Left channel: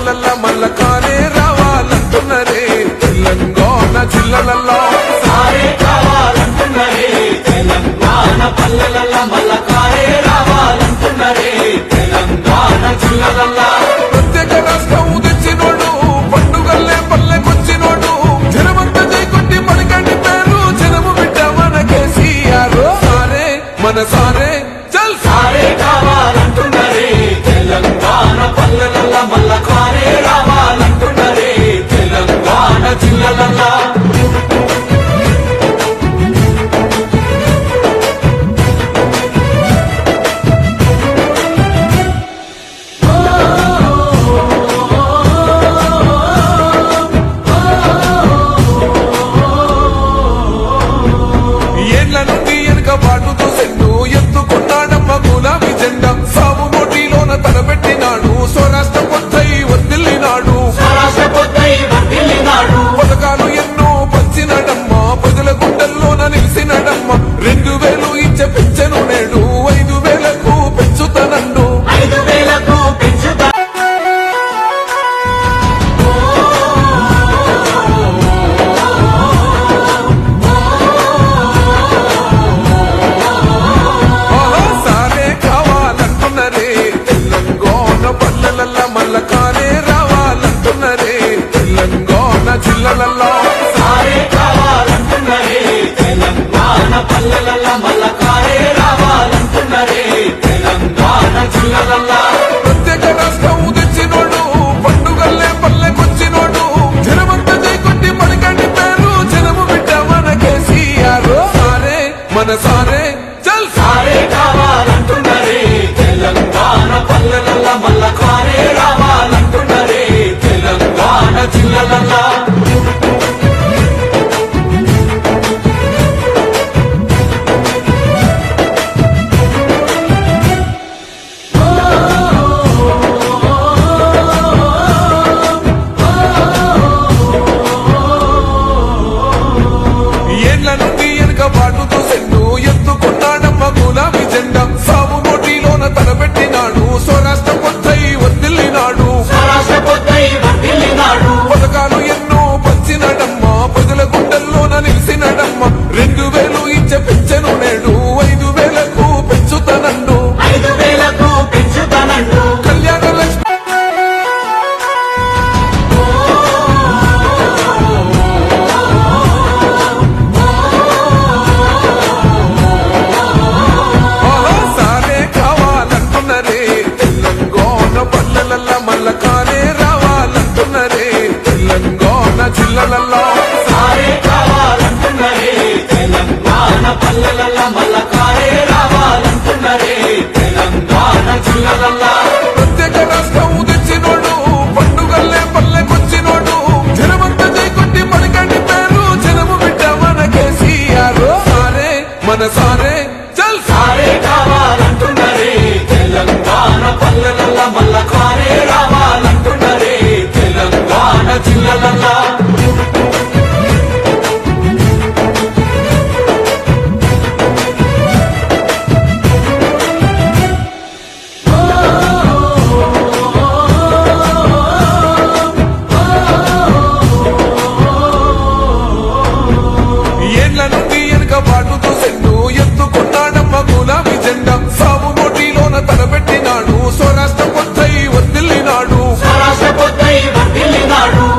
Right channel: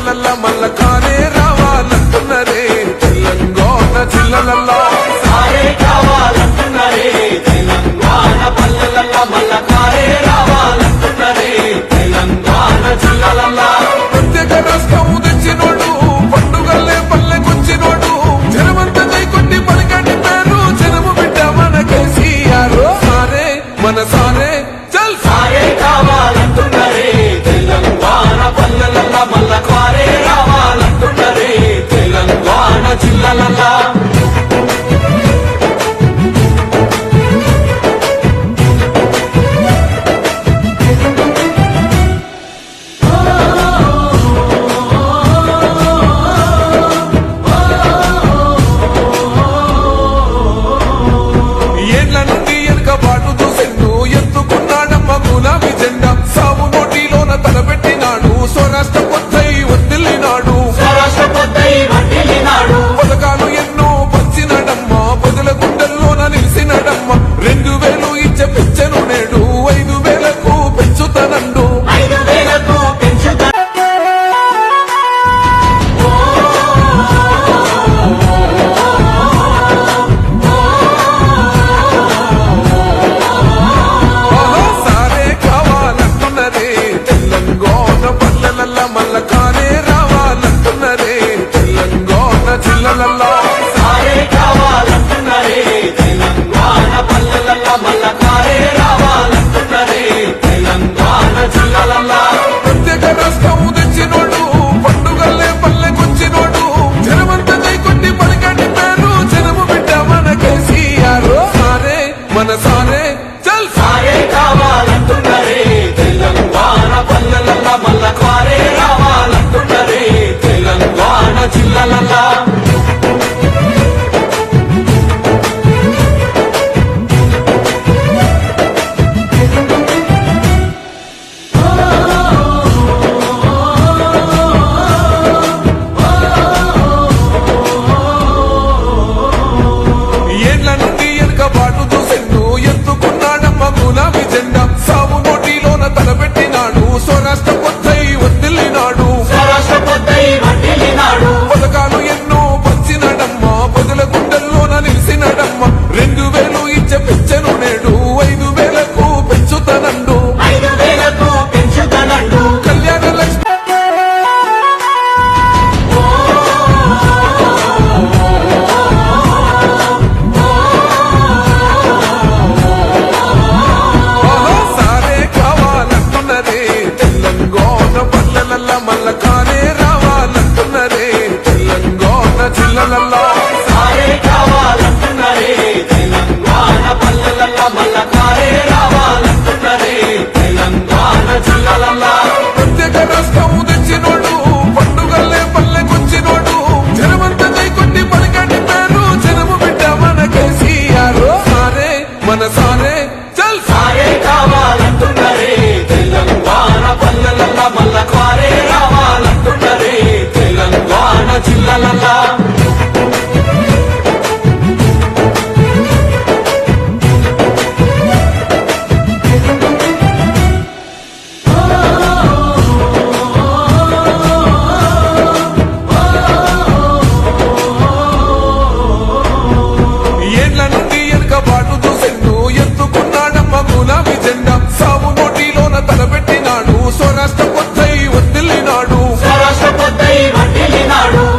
పల్లెలల్లా మల్ల కారే రావాలంటున్నరే తెలంగాణ జిల్లలల్లో సారే కావాలంటున్నరే తెలంగాణ పల్లెలల్లా మల్ల కారే రావాలంటున్నరే తెలంగాణ జిల్లలల్లా ప్రత్యేక రాష్ట్రం తెచ్చినోడు పండుగల్లే పల్లెకొచ్చినోడు జనమంతా జైకొట్టి పలికండి పేరు జనము బిడ్డ మన కేసీఆర్ సారే మన సారే చల్ సారే కావాలంటున్నరే తెలంగాణ పల్లెలల్లా మల్ల కారే రావాలంటున్నరే తెలంగాణ జిల్లలల్లా ఏళ్ల నుండి వెనుక బాటు చూసిండు ఎత్తుకున్నాడమ్మ గులాబీ జెండా సాగు నోటిలోన తలబెట్టినాడు స్వరాష్ట్ర కొద్దై వర్దిల్లినాడు పథకాలు ఎన్నో పంచినడమ్మ ప్రజల గుండెల్లోన నిలిచినడమ్మ 2000 ఇచ్చే పెంచెను నేడు 5000కు పెంచుతానండు తెలంగాణ పల్లెలల్లా మల్ల కారే రావాలంటున్నరే తెలంగాణ జిల్లలల్లో సారే కావాలంటున్నరే తెలంగాణ పల్లెలల్లా మల్ల కారే రావాలంటున్నరే తెలంగాణ జిల్లలల్లా ప్రత్యేక రాష్ట్రం తెచ్చినోడు పండుగల్లే పల్లెకొచ్చినోడు జనమంతా జైకొట్టి పలికండి పేరు జనము బిడ్డ మన కేసీఆర్ సారే మన సారే చల్ సారే కావాలంటున్నరే తెలంగాణ పల్లెలల్లా మల్ల కారే రావాలంటున్నరే తెలంగాణ జిల్లలల్లా ఏళ్ల నుండి వెనుక బాటు చూసిండు ఎత్తుకున్నాడమ్మ గులాబీ జెండా సాగు నోటిలోన తలబెట్టినాడు స్వరాష్ట్ర కొద్దై వర్దిల్లినాడు పథకాలు ఎన్నో పంచినడమ్మ ప్రజల గుండెల్లోన నిలిచినడమ్మ 2000 ఇచ్చే పెంచెను నేడు 5000కు పెంచుతానండు కళ్యాణ లక్ష్మి తెలంగాణ పల్లెలల్లా మల్ల కారే రావాలంటున్నరే తెలంగాణ జిల్లలల్లో సారే కావాలంటున్నరే తెలంగాణ పల్లెలల్లా మల్ల కారే రావాలంటున్నరే తెలంగాణ జిల్లలల్లా ప్రత్యేక రాష్ట్రం తెచ్చినోడు పండుగల్లే పల్లెకొచ్చినోడు జనమంతా జైకొట్టి పలికండి పేరు జనము బిడ్డ మన కేసీఆర్ సారే మన సారే చల్ సారే కావాలంటున్నరే తెలంగాణ పల్లెలల్లా మల్ల కారే రావాలంటున్నరే తెలంగాణ జిల్లలల్లా ఏళ్ల నుండి వెనుక బాటు చూసిండు ఎత్తుకున్నాడమ్మ గులాబీ జెండా సాగు నోటిలోన తలబెట్టినాడు స్వరాష్ట్ర కొద్దై వర్దిల్లినాడు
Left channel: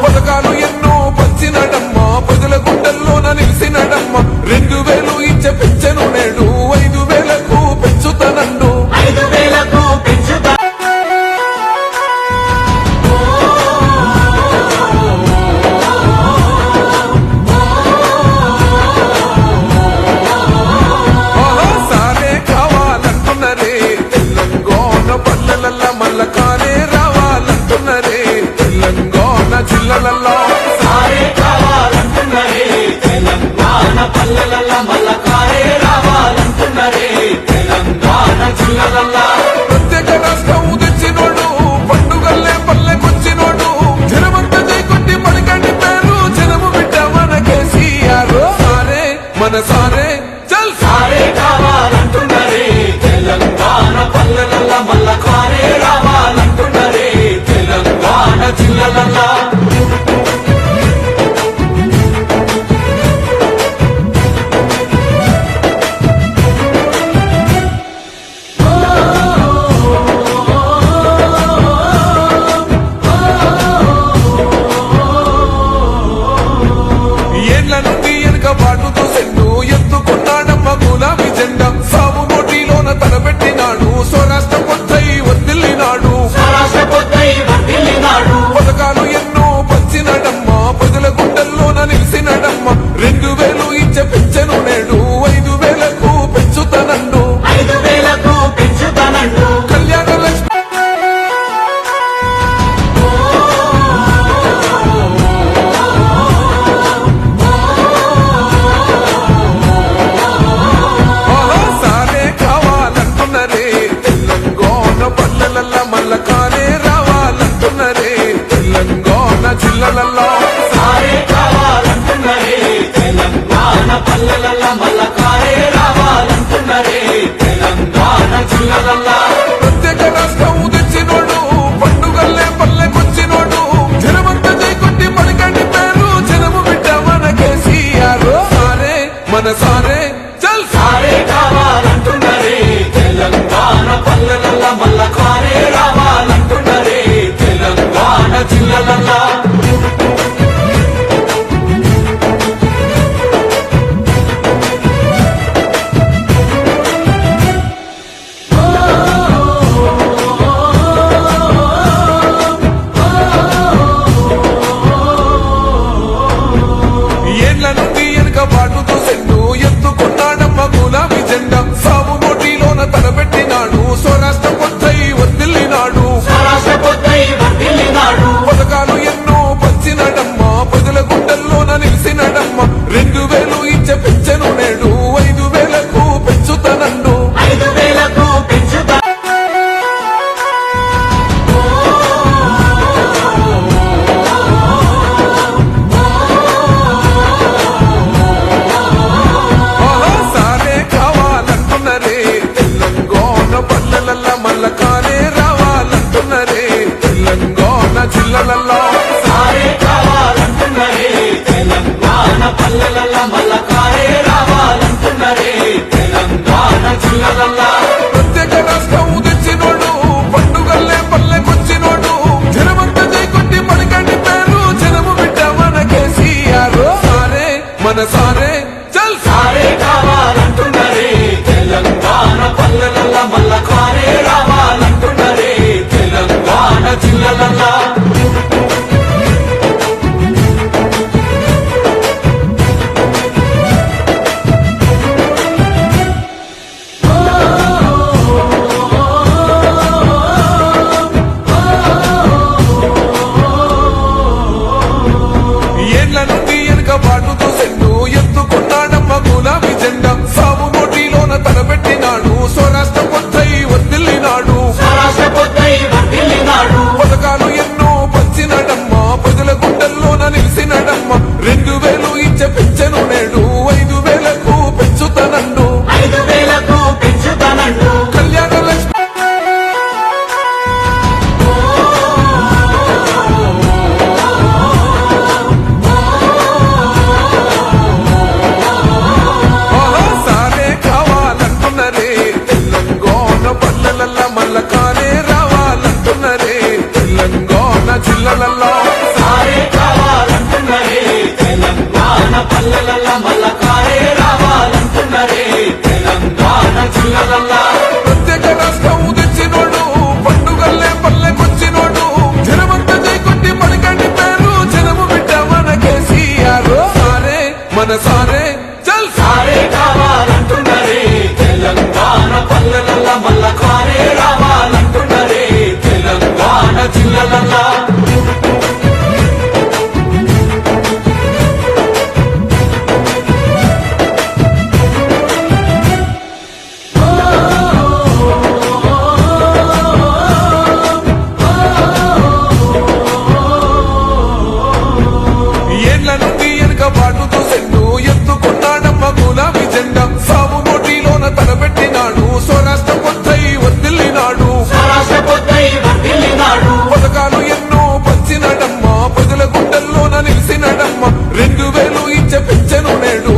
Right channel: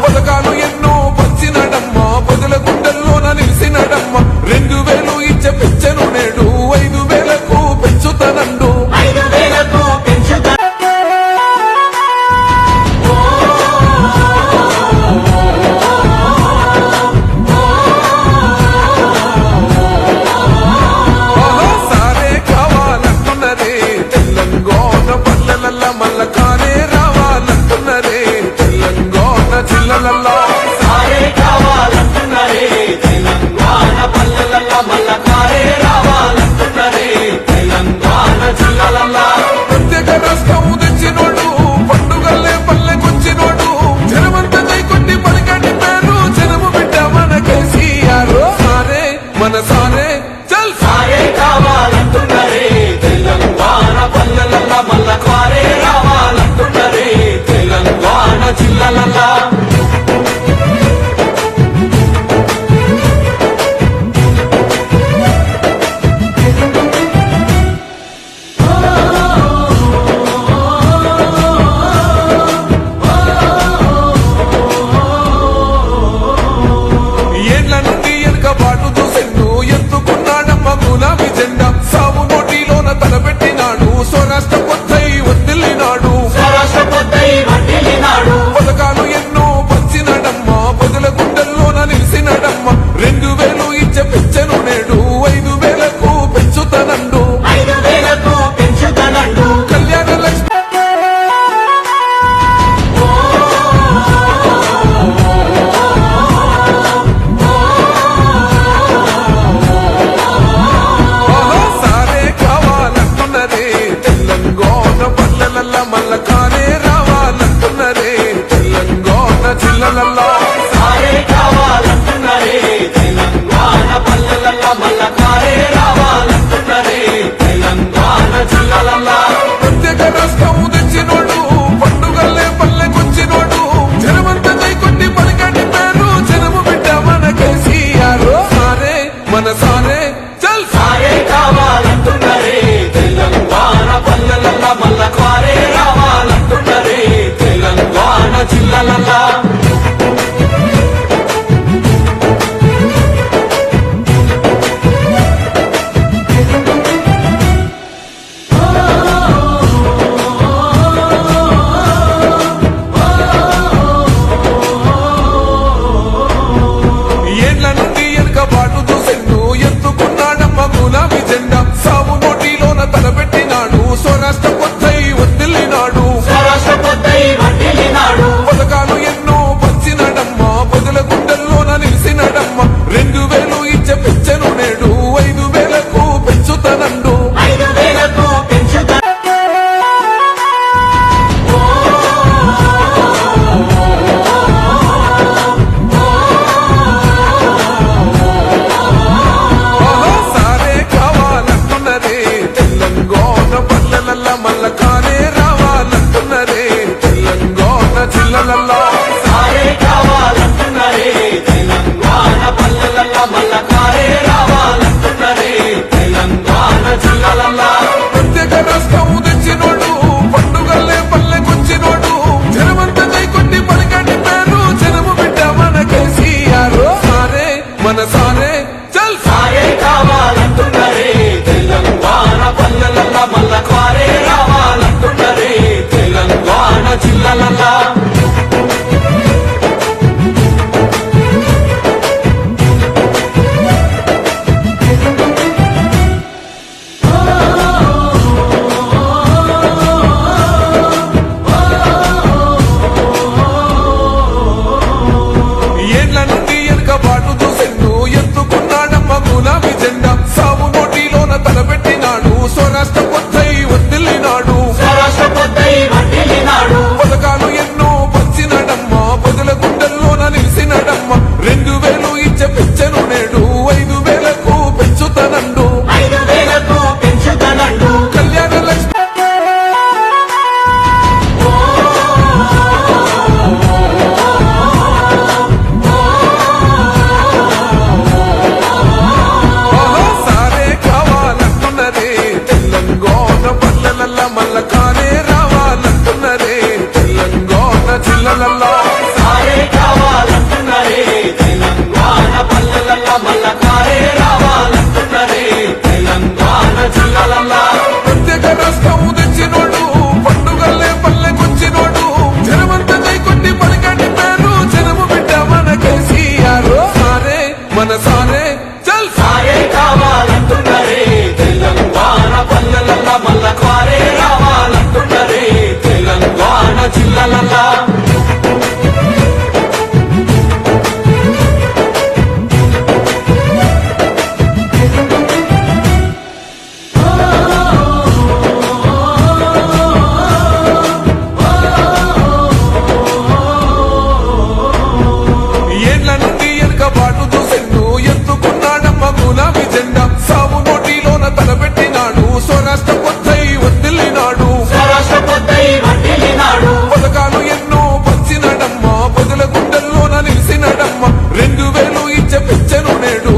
పథకాలు ఎన్నో పంచినడమ్మ ప్రజల గుండెల్లోన నిలిచినడమ్మ 2000 ఇచ్చే పెంచెను నేడు 5000కు పెంచుతానండు తెలంగాణ పల్లెలల్లా మల్ల కారే రావాలంటున్నరే తెలంగాణ జిల్లలల్లో సారే కావాలంటున్నరే తెలంగాణ పల్లెలల్లా మల్ల కారే రావాలంటున్నరే తెలంగాణ జిల్లలల్లా ప్రత్యేక రాష్ట్రం తెచ్చినోడు పండుగల్లే పల్లెకొచ్చినోడు జనమంతా జైకొట్టి పలికండి పేరు జనము బిడ్డ మన కేసీఆర్ సారే మన సారే చల్ సారే కావాలంటున్నరే తెలంగాణ పల్లెలల్లా మల్ల కారే రావాలంటున్నరే తెలంగాణ వెనుక బాటు చూసెన్ను ఎత్తుకున్నాడమ్మ గులాబీ జెండా సావు నోటిలోన తలబెట్టినాడు స్వరాష్ట్ర కొద్దై వర్దిల్లినాడు స్వరాష్ట్ర కొద్దై వర్ధిల్లినాడు. పథకాలు ఎన్నో పంచినడమ్మ ప్రజల గుండెల్లోన నిలిసినడమ్మ 2000 ఇచ్చే పెంచెను నేడు 5000కు పెంచుతానండు 5,000కు పెంచుతానండు. కళ్యాణ లక్ష్మి ఆహా, సారే కావాలంటున్నరే తెలంగాణ పల్లెలల్లా మల్ల కారే రావాలంటున్నరే తెలంగాణ జిల్లలల్లో సారే కావాలంటున్నరే తెలంగాణ పల్లెలల్లా మల్ల కారే రావాలంటున్నరే తెలంగాణ జిల్లలల్లా. ప్రత్యేక రాష్ట్రం తెచ్చినోడు పండుగల్లే పల్లెకొచ్చినోడు జనమంతా జై కొట్టి పలికండి పేరు జనము బిడ్డ మన కేసీఆర్ సారే మన సారే చల్ సారే కావాలంటున్నరే తెలంగాణ పల్లెలల్లా మల్ల కారే రావాలంటున్నరే తెలంగాణ జిల్లలల్లా. ఏండ్ల నుండి వెనుక బాటు చూసెన్ను ఎత్తుకున్నాడమ్మ గులాబీ జెండా సావు నోటిలోన తలబెట్టినాడు స్వరాష్ట్ర కొద్దై వర్దిల్లినాడు స్వరాష్ట్ర కొద్దై వర్ధిల్లినాడు. పథకాలు ఎన్నో పంచినడమ్మ ప్రజల గుండెల్లోన నిలిసినడమ్మ 2000 ఇచ్చే పెంచెను నేడు 5000కు పెంచుతానండు 5,000కు పెంచుతా. ఆహా, సారే కావాలంటున్నరే తెలంగాణ పల్లెలల్లా మల్ల కారే రావాలంటున్నరే తెలంగాణ జిల్లలల్లో సారే కావాలంటున్నరే తెలంగాణ పల్లెలల్లా మల్ల కారే రావాలంటున్నరే తెలంగాణ జిల్లలల్లా. ప్రత్యేక రాష్ట్రం తెచ్చినోడు పండుగల్లే పల్లెకొచ్చినోడు జనమంతా జై కొట్టి పలికండి పేరు జనము బిడ్డ మన కేసీఆర్ సారే మన సారే చల్ సారే కావాలంటున్నరే తెలంగాణ పల్లెలల్లా మల్ల కారే రావాలంటున్నరే తెలంగాణ జిల్లలల్లా. ఏండ్ల నుండి వెనుక బాటు చూసెన్ను ఎత్తుకున్నాడమ్మ గులాబీ జెండా సావు నోటిలోన తలబెట్టినాడు స్వరాష్ట్ర కొద్దై వర్దిల్లినాడు స్వరాష్ట్ర కొద్దై వర్ధిల్లినాడు. పథకాలు ఎన్నో పంచినడమ్మ ప్రజల గుండెల్లోన నిలిసినడమ్మ 2000 ఇచ్చే పెంచెను నేడు 5000కు పెంచుతానండు 5,000కు పెంచుతానండు. కళ్యాణ లక్ష్మి ఆహా, సారే కావాలంటున్నరే తెలంగాణ పల్లెలల్లా మల్ల కారే రావాలంటున్నరే తెలంగాణ జిల్లలల్లో సారే కావాలంటున్నరే తెలంగాణ పల్లెలల్లా మల్ల కారే రావాలంటున్నరే తెలంగాణ జిల్లలల్లా. ప్రత్యేక రాష్ట్రం తెచ్చినోడు పండుగల్లే పల్లెకొచ్చినోడు జనమంతా జై కొట్టి పలికండి పేరు జనము బిడ్డ మన కేసీఆర్ సారే మన సారే చల్ సారే కావాలంటున్నరే తెలంగాణ పల్లెలల్లా మల్ల కారే రావాలంటున్నరే తెలంగాణ జిల్లలల్లా. ఏండ్ల నుండి వెనుక బాటు చూసెన్ను ఎత్తుకున్నాడమ్మ గులాబీ జెండా సావు నోటిలోన తలబెట్టినాడు స్వరాష్ట్ర కొద్దై వర్దిల్లినాడు స్వరాష్ట్ర కొద్దై వర్ధిల్లినాడు. పథకాలు ఎన్నో పంచినడమ్మ ప్రజల గుండెల్లోన నిలిసినడమ్మ 2000 ఇచ్చే పెంచెను నేడు